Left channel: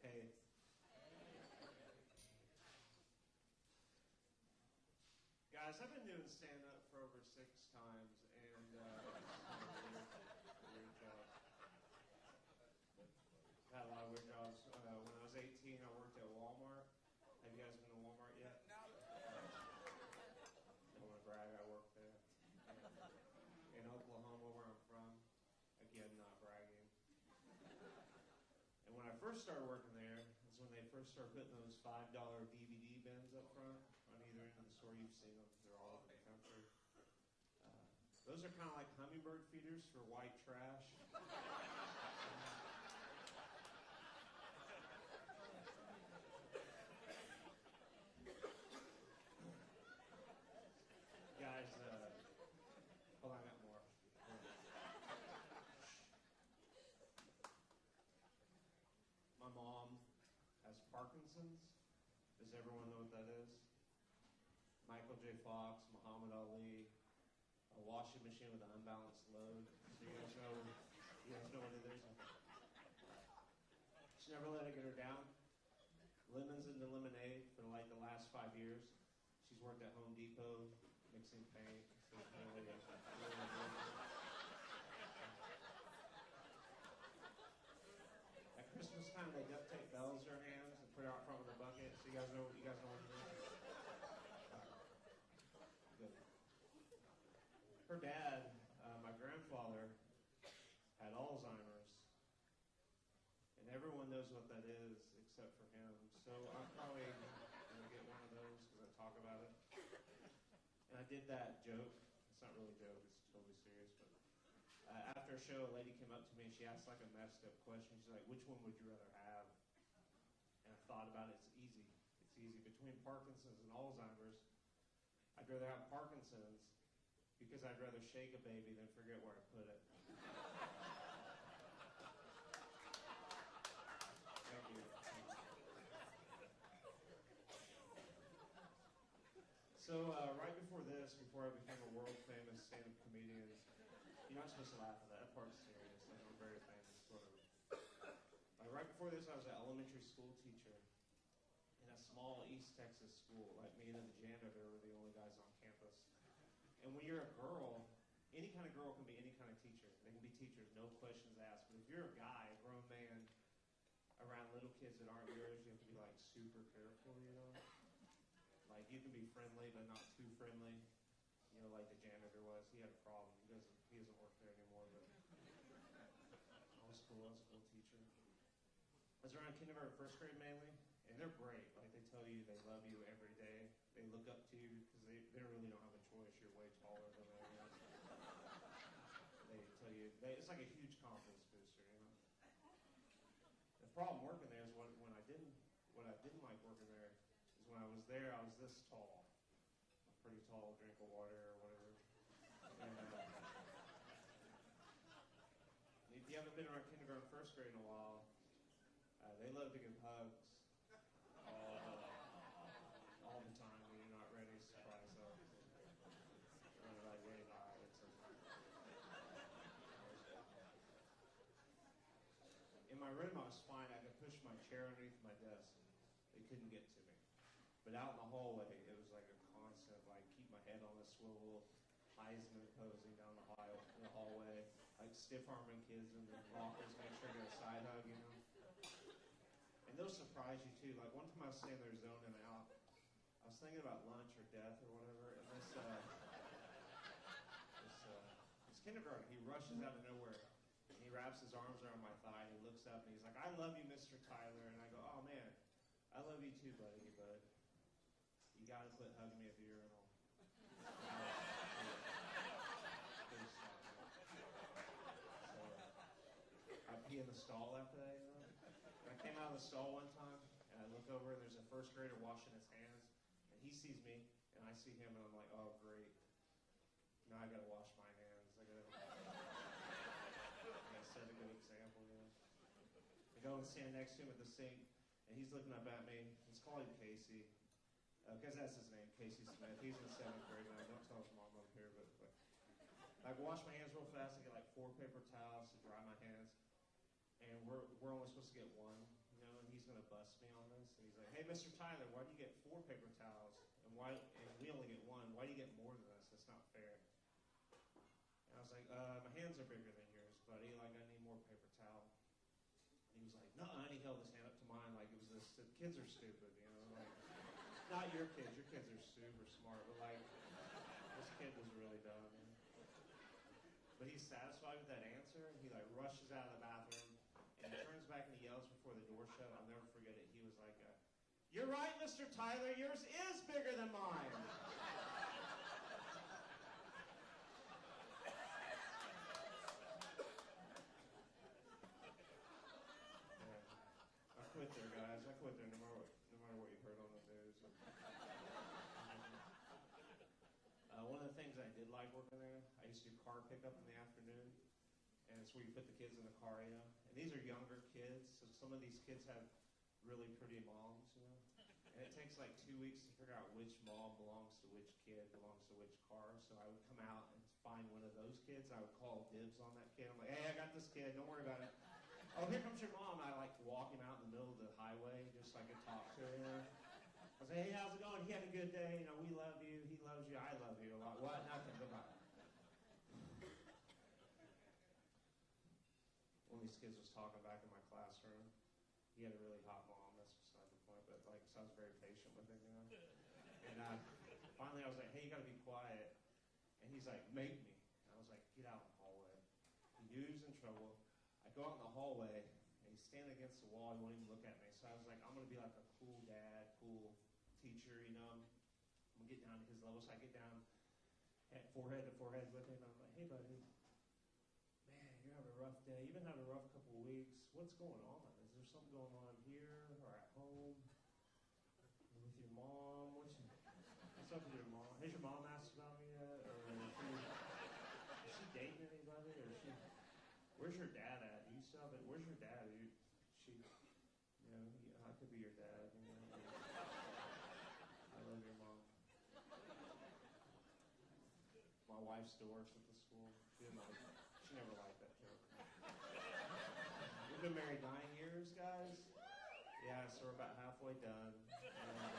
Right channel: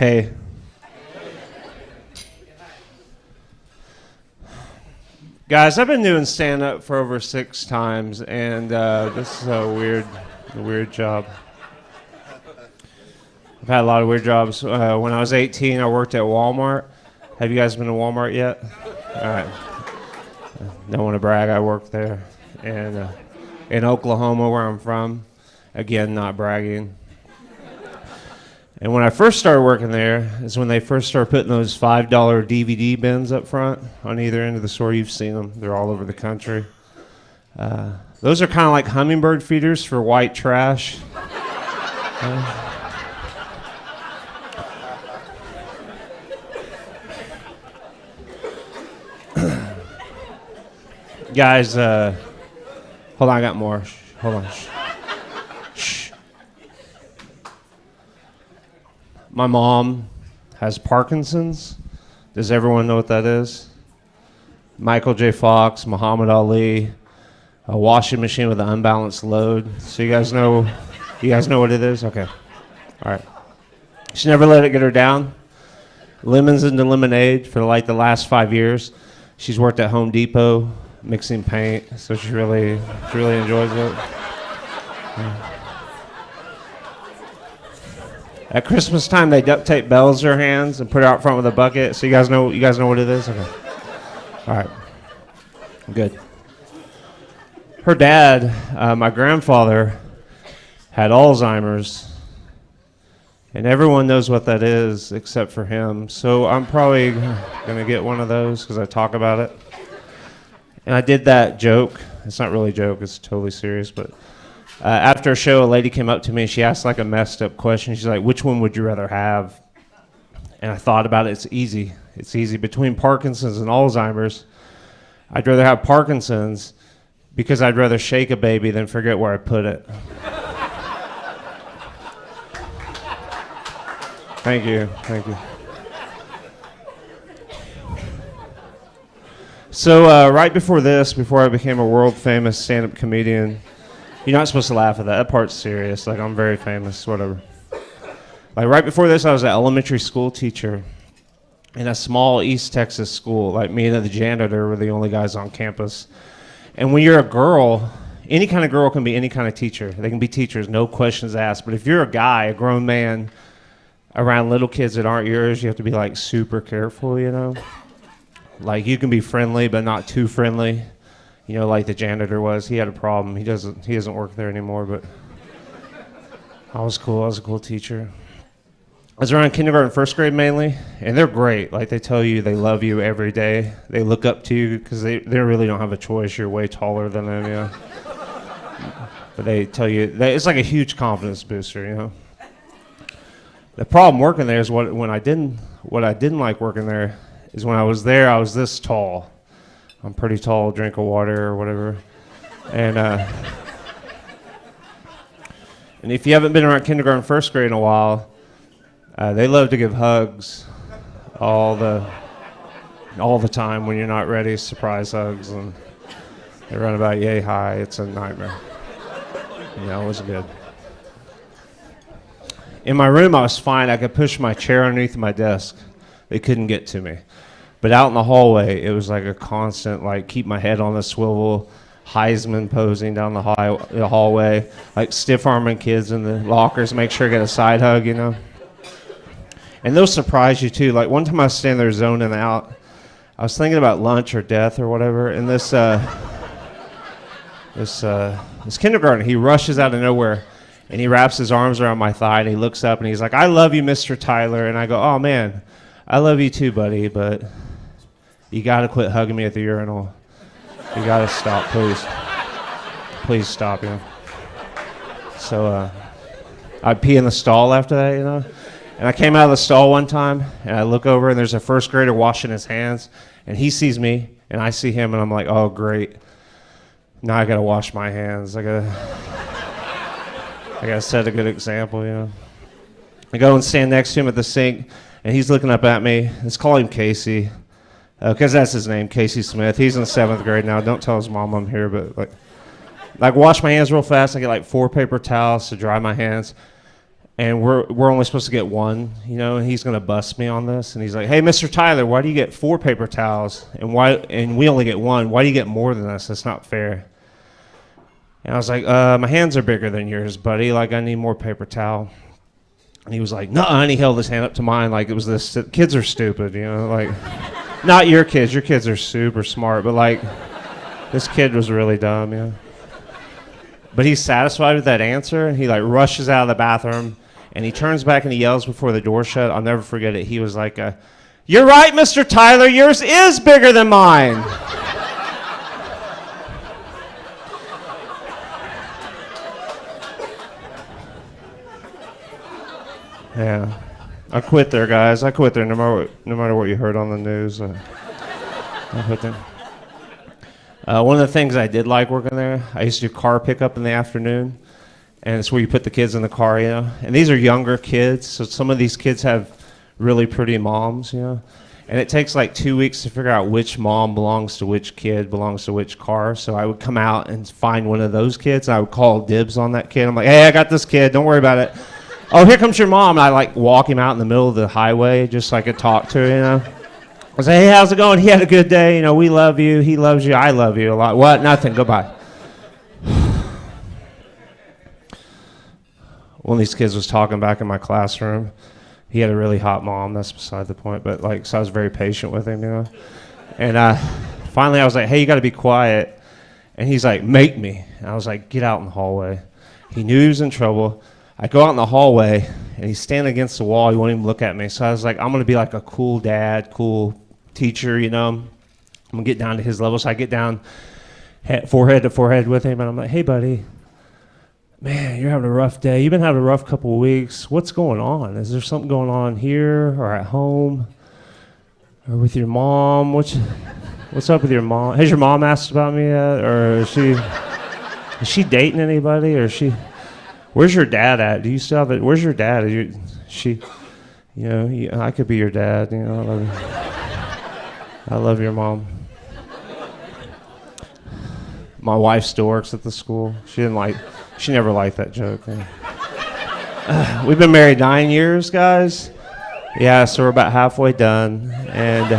Hey. Guys, I've been doing stand-up for over 6 times, and this is a weird job. I've had a lot of weird jobs. When I was 18, I worked at Walmart. Have you guys been to Walmart yet? All right. Don't want to brag, I worked there. And in Oklahoma, where I'm from, again, not bragging. And when I first started working there is when they first started putting those $5 DVD bins up front on either end of the store. You've seen them. They're all over the country. Those are kind of like hummingbird feeders for white trash. Guys, hold on, I got more. Hold on. Shh. My mom has Parkinson's. Does everyone know what that is? Michael J. Fox, Muhammad Ali, a washing machine with an unbalanced load. So you guys know what it is? Okay. All right. She never let it get her down. Lemons into lemonade for like the last 5 years. She's worked at Home Depot mixing paint, so she really enjoys it. Yeah. At Christmas time, they duct tape bells to her hands and put her out front with a bucket. So you guys know what it is? Okay. All right. Good. Her dad, my grandfather, had Alzheimer's, and everyone knows what that is except for him. So I'm probably gonna get one of those because I talk about it. And I did that joke. It's not really a joke. It's totally serious, but. After a show, a lady came up to me and she asked like a messed up question. She's like, which one would you rather have? And I thought about it. It's easy. It's easy. Between Parkinson's and Alzheimer's, I'd rather have Parkinson's because I'd rather shake a baby than forget where I put it. Thank you. Thank you. So right before this, before I became a world famous stand-up comedian, you're not supposed to laugh at that. That part's serious. Like, I'm very famous, whatever. Like, right before this, I was an elementary school teacher in a small East Texas school. Like, me and the janitor were the only guys on campus. And when you're a girl, any kind of girl can be any kind of teacher. They can be teachers, no questions asked. But if you're a guy, a grown man, around little kids that aren't yours, you have to be, like, super careful, you know? Like, you can be friendly, but not too friendly. You know, like the janitor was. He had a problem. He doesn't work there anymore, but I was cool. I was a cool teacher. I was around kindergarten, first grade mainly, and they're great. Like, they tell you they love you every day. They look up to you because they really don't have a choice. You're way taller than them, yeah. But they tell you, it's like a huge confidence booster, you know. The problem working there is what I didn't like working there is when I was there, I was this tall. I'm pretty tall, drink of water or whatever. And if you haven't been around kindergarten, first grade in a while, they love to give hugs all the time when you're not ready, surprise hugs, and they run about yay high. It's a nightmare. You know, it wasn't good. In my room, I was fine. I could push my chair underneath my desk. They couldn't get to me. But out in the hallway, it was like a constant, like, keep my head on the swivel, Heisman posing down the hallway, like stiff-arming kids in the lockers, make sure I get a side hug, you know. And they'll surprise you, too. Like, one time I was standing there zoning out. I was thinking about lunch or death or whatever, and this kindergarten, he rushes out of nowhere, and he wraps his arms around my thigh, and he looks up, and he's like, I love you, Mr. Tyler. And I go, oh, man, I love you too, buddy, but you got to quit hugging me at the urinal. You got to stop, please. Please stop, you know. So I'd pee in the stall after that, you know. And I came out of the stall one time, and I look over, and there's a first grader washing his hands, and he sees me, and I see him, and I'm like, oh, great. Now I got to wash my hands. I got to set a good example, you know. I go and stand next to him at the sink, and he's looking up at me. Let's call him Casey. Because that's his name, Casey Smith. He's in 7th grade now. Don't tell his mom I'm here, but like wash my hands real fast. I get like 4 paper towels to dry my hands. and we're only supposed to get one, and he's gonna bust me on this. And he's like, "Hey, Mr. Tyler, why do you get 4 paper towels and we only get one? Why do you get more than us? That's not fair." And I was like, "My hands are bigger than yours, buddy. Like, I need more paper towel." And he was like, "Nuh-uh," and he held his hand up to mine like it was this. Kids are stupid, like, not your kids. Your kids are super smart, but like, this kid was really dumb, But he's satisfied with that answer, and he like rushes out of the bathroom, and he turns back and he yells before the door shut. I'll never forget it. He was like, "You're right, Mr. Tyler. Yours is bigger than mine." Yeah, I quit there, guys. I quit there. No matter what you heard on the news, I quit there. One of the things I did like working there, I used to do car pickup in the afternoon, and it's where you put the kids in the car, And these are younger kids, so some of these kids have really pretty moms, And it takes like 2 weeks to figure out which mom belongs to which kid, belongs to which car. So I would come out and find one of those kids, and I would call dibs on that kid. I'm like, "Hey, I got this kid. Don't worry about it. Oh, here comes your mom." And I like walk him out in the middle of the highway just so I could talk to her, I say, "Hey, how's it going? He had a good day. We love you. He loves you. I love you a lot." "What? Nothing. Goodbye." One of these kids was talking back in my classroom. He had a really hot mom. That's beside the point. But so I was very patient with him, And finally I was like, "Hey, you got to be quiet." And he's like, "Make me." And I was like, "Get out in the hallway." He knew he was in trouble. I go out in the hallway, and he's standing against the wall. He won't even look at me. So I was like, I'm going to be like a cool dad, cool teacher, I'm going to get down to his level. So I get down forehead to forehead with him, and I'm like, "Hey, buddy, man, you're having a rough day. You've been having a rough couple of weeks. What's going on? Is there something going on here or at home or with your mom? What's up with your mom? Has your mom asked about me yet? Or is she dating anybody? Or is she... Where's your dad at? Do you still have it? Where's your dad? I could be your dad. I love you. I love your mom." My wife still works at the school. She never liked that joke. We've been married 9 years, guys. Yeah, so we're about halfway done. And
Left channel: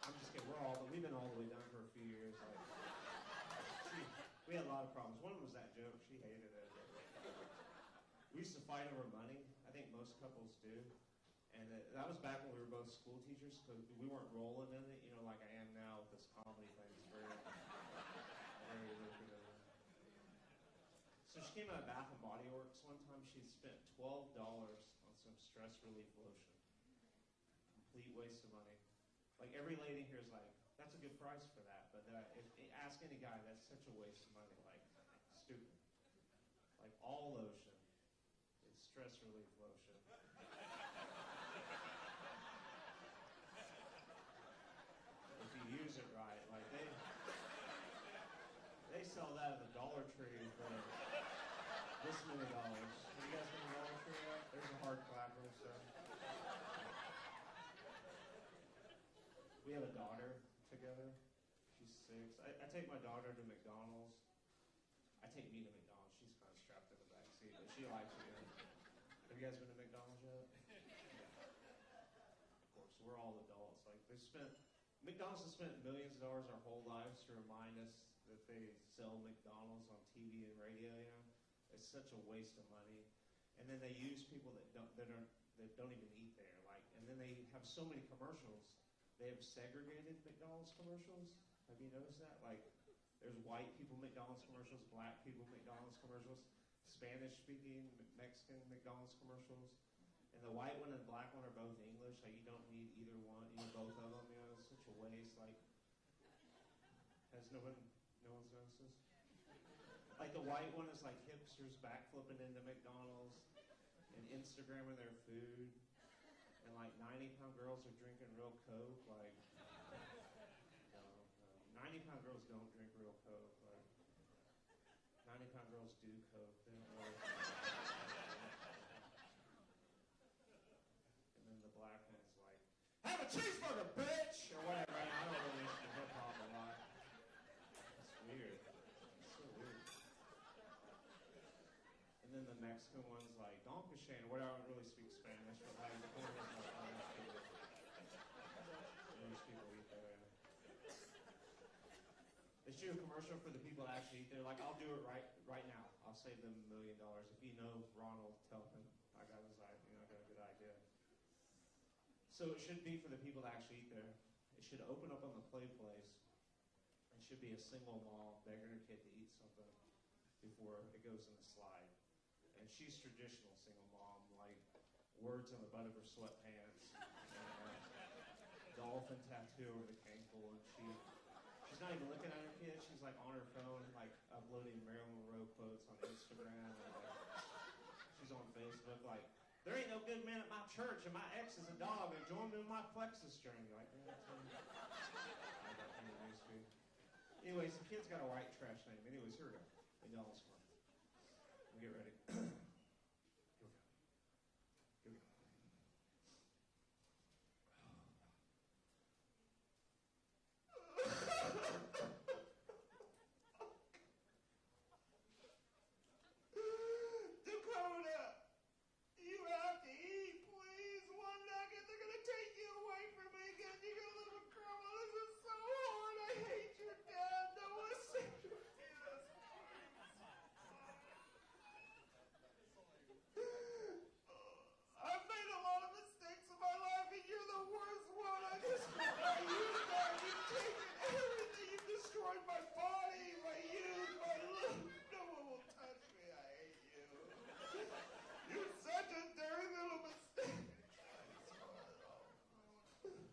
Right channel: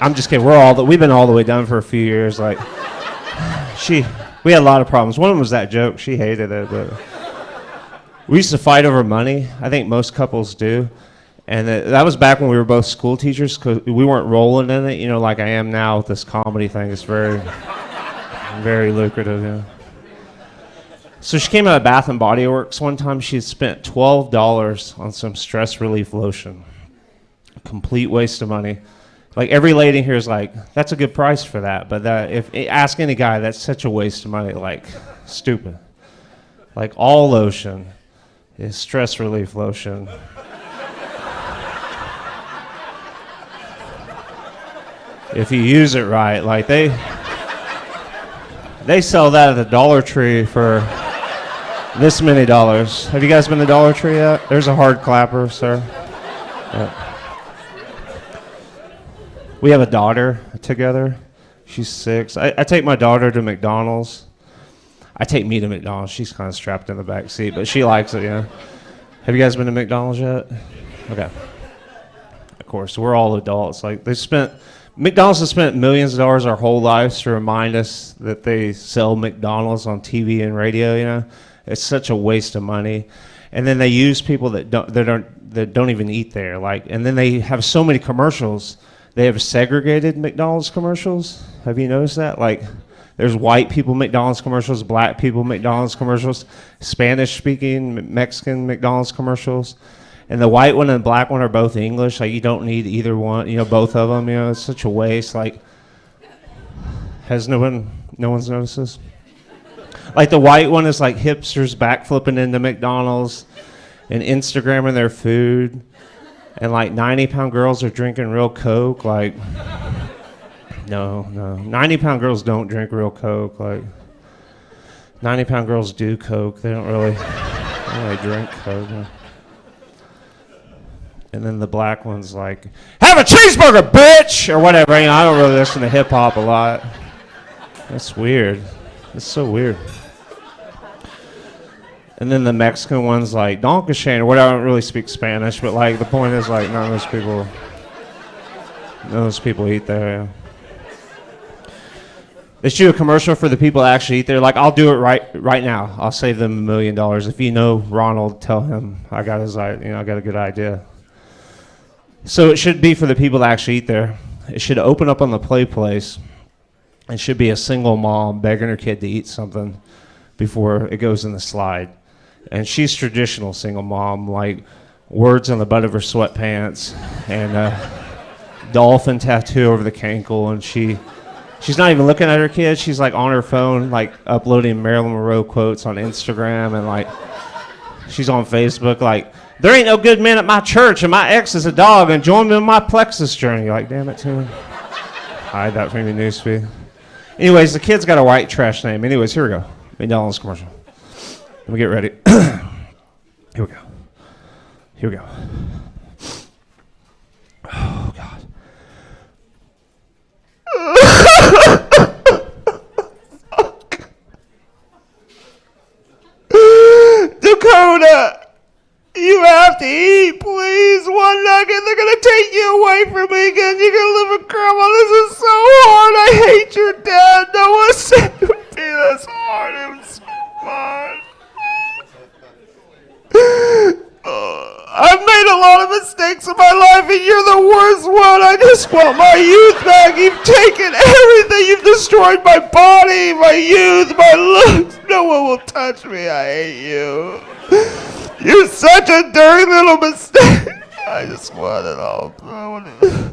I'm just kidding. We've been all the way done for a few years. We had a lot of problems. One of them was that joke. She hated it, but we used to fight over money. I think most couples do. And that was back when we were both school teachers, because we weren't rolling in it, like I am now with this comedy thing. It's very, very lucrative, So she came out of Bath and Body Works one time. She had spent $12 on some stress relief lotion. Complete waste of money. Like, every lady here is like, "That's a good price for that." But ask any guy, that's such a waste of money. Like, stupid. Like, all lotion is stress relief lotion. If you use it right. Like, they sell that at the Dollar Tree for this many dollars. Have you guys been to Dollar Tree yet? There's a hard clapper, sir. Yeah. We have a daughter together. She's 6. I take my daughter to McDonald's. I take me to McDonald's. She's kind of strapped in the back seat, but she likes it, Have you guys been to McDonald's yet? Okay. Of course, we're all adults. McDonald's has spent millions of dollars our whole lives to remind us that they sell McDonald's on TV and radio, It's such a waste of money. And then they use people that don't even eat there. And then they have so many commercials. They have segregated McDonald's commercials. Have you noticed that? There's white people McDonald's commercials, black people McDonald's commercials, Spanish-speaking Mexican McDonald's commercials. And the white one and the black one are both English. You don't need either one, both of them. It's such a waste. Has no one's noticed this? The white one is hipsters backflipping into McDonald's and Instagramming their food. And 90-pound girls are drinking real Coke. No. 90-pound girls don't drink real Coke. 90-pound girls do Coke. They don't really drink Coke. And then the black one's like, "Have a cheeseburger, bitch!" Or whatever. I don't really listen to hip-hop a lot. That's weird. It's so weird. And then the Mexican one's like, Donkashan, or whatever. I don't really speak Spanish, but like the point is like none of those people eat there. Yeah. They should do a commercial for the people that actually eat there. Like, I'll do it right now. I'll save them $1 million. If you know Ronald, tell him I got I got a good idea. So it should be for the people that actually eat there. It should open up on the play place. It should be a single mom begging her kid to eat something before it goes in the slide. And she's traditional single mom, like words on the butt of her sweatpants and a dolphin tattoo over the cankle, and she's not even looking at her kid. She's like on her phone, like uploading Marilyn Monroe quotes on Instagram, and like she's on Facebook, like, there ain't no good men at my church, and my ex is a dog, and join me on my plexus journey. You're like, damn it, Tim. Hide that from your newsfeed. Anyways, the kid's got a white trash name. Anyways, here we go. McDonald's commercial. Let me get ready. Here we go. Here we go. Oh, God. Dakota, you have to eat, please. One nugget, they're going to take you away from me again. You're going to live with Grandma. This is so hard. I hate your dad. No one said it would be this hard. It was so hard. I've made a lot of mistakes in my life, and you're the worst one. I just want my youth back. You've taken everything. You've destroyed my body, my youth, my looks. No one will touch me. I hate you. You're such a dirty little mistake. I just want it all. I want it.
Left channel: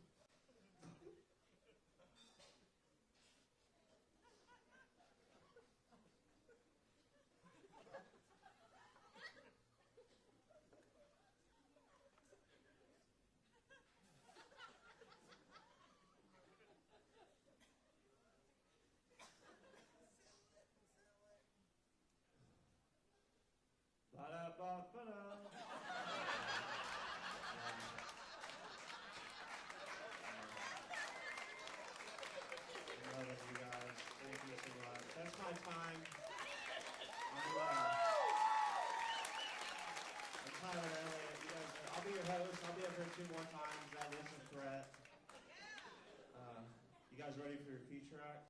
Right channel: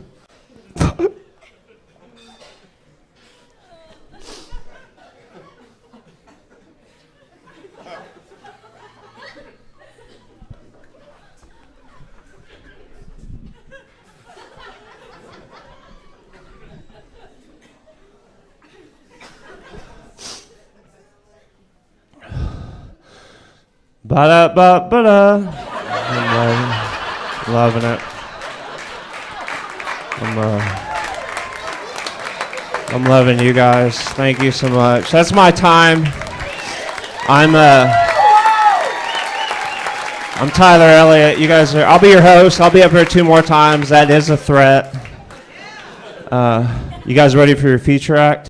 Ba-da-ba-ba-da. I'm loving it. I'm loving you guys. Thank you so much. That's my time. I'm Tyler Elliott. You guys I'll be your host. I'll be up here 2 more times. That is a threat. You guys ready for your feature act?